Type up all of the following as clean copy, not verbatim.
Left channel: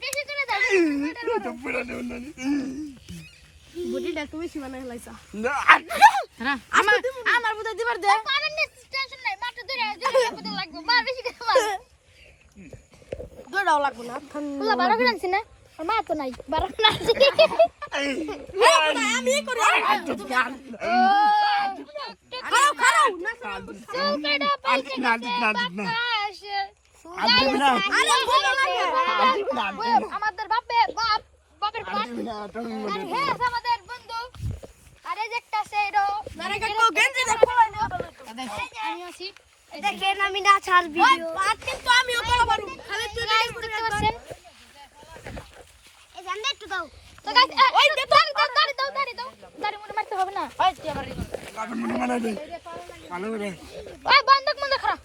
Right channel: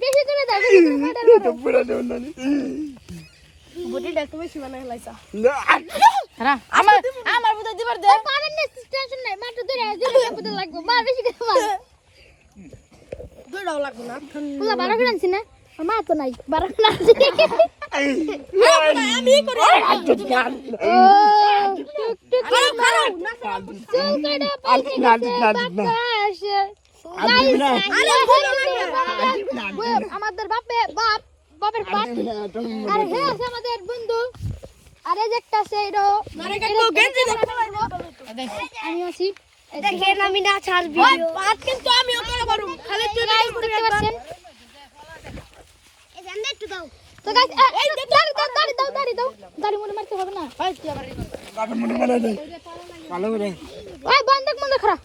বেশি করে দাও তো পুরা দেব না বডিটা একটু বেশি বানাই লাইছা না আমার বুঝা দিবার দে পারেন না টেনশন নাই মাত্র ধরে বুঝা লাগবে মার বেশি করে মার দৌড়াও লাগবে না তুই 12 করে আনছিস না মা তো নাই 12 করে আনছিস হ্যাঁ বুঝা আমি করি ও টুক টুক খারাপ চল কাটা পাশে আসে আরে ভুলো না আমাদের বাপের বাপের আরে হ্যাঁ আমাদের বন্ধু আরে যে একটা আছে এরো আরে কাকু গেঞ্জি দেখো আমি আছি দেখেন আমি না ছাড় ভিডিও পাট কিন্তু আমিও করা পারুম খালি তুই গাইস দেখতে পাচ্ছেন এই জানলে একটু দাও তো গাইস ওই দে দাড়ি মুড়ে মারতে হবে না কাটা মুড়ি বানাই দে ভালো করে ওই বন্ধ করা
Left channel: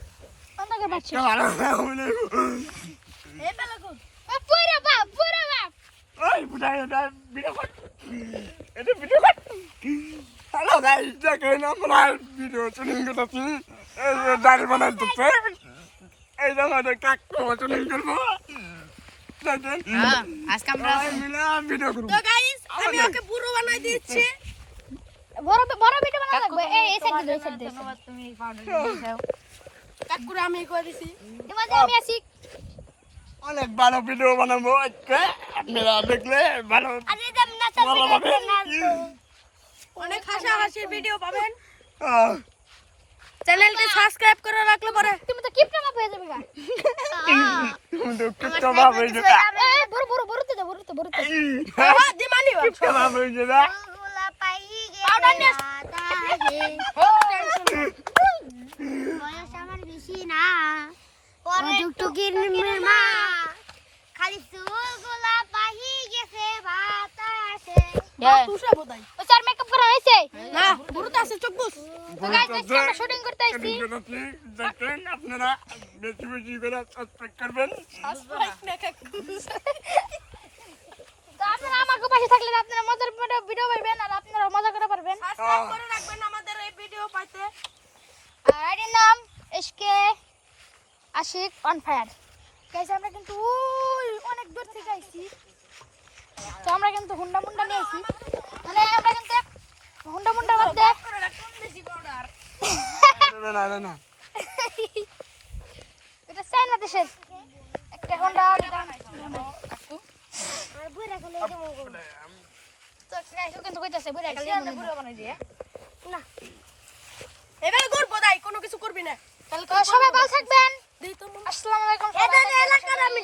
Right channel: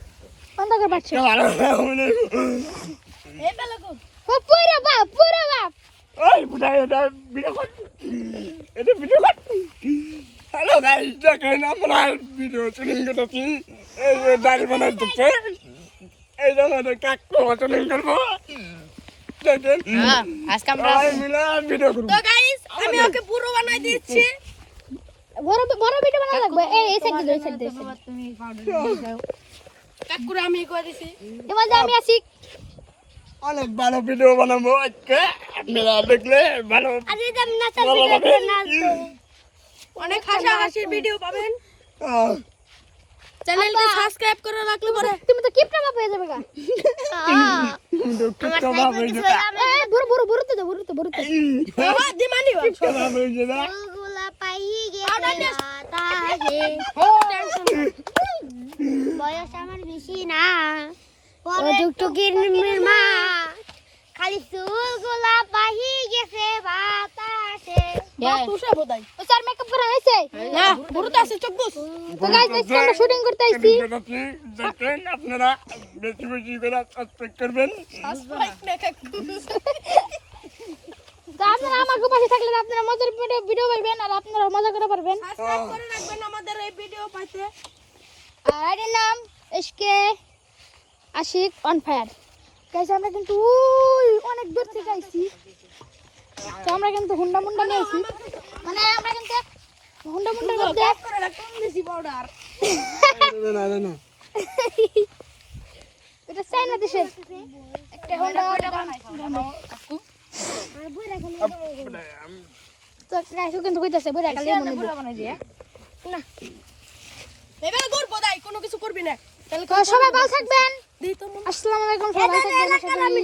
বন্ধ কর বাচ্চা ভালো করে এই বেলা কো ও পুরো বাপ ওই বুড়া এটা ভিডিও কর এটা ভিডিও কর হ্যালো গাইস দেখেন আমরা ভিডিও শুটিং করতেছি এই যে দাড়ি বানাইতেছে এই যে আমাদের কাকু শুটিং করবো দেখেন আজকে আমরা মিলে ভিডিও করবো তো গাইস আমি ওকে পুরো বানাই দিচ্ছি বড় ভিডিও বানা লাগবে এই সাইড দে কাকুরা আমি করে দিছি এবার আমি আসি অনেক ভালো ভিডিও বানাবো আজকে আপনারা দেখলে ভালো আরে আমি না ভালো পাবে অনেক হাসাহাসির ভিডিও পাবেন চ্যানেলটি সাবস্ক্রাইব করে রাখলে পরে তুমি তো কিপটা বাপ হয়ে যাবে গা দুঃখিত ভাবে বড় তো হ্যাঁ দিমানি ভাবে যেটা গুলা পাই গেছে বাতাসে বয়স আমার বেশি না ও টুকটুকির মা খালি চুলগুলা পাই গেছে বাতাসে তুষা বোধাই ও স্যার মেকআপ করা হয়েছে না বুড়োতে আছে চোখ বুঝ তো গাইস আজকে আমরা শুটিং করতে আইছি দেখেন আপনারা বেশি বেশি করে সাবস্ক্রাইব করবেন সাবস্ক্রাইব না কাকু তো আপনারা আমাকে পাশে থাকলে আপনারা মজার ভিডিও পাবেন আর আপনারা মজা করে পারবেন সাবস্ক্রাইব করে রাখবেন আমাদের এই ভিডিও পাইতে আর এর নাম SK Ashik on fire guys আমরা কিন্তু অনেক দূর থেকে আইছি তো আমরা কিন্তু হুন্ডা মুন্ডা নিয়ে আইছি মানে আমরা কিন্তু হুন্ডা মুন্ডার মধ্যে করে রাখুন বেশি বর্ডার না এটা চাইনা দেশের একটা হুন্ডা তো গাইস কিন্তু কইতাছে বইরা কালে মনে দিই না এবার করব দাই কোনো কিছু করবি না তাহলে তো সবাই ভালো থাকবেন দেই তো আসসালামু আলাইকুম সবাই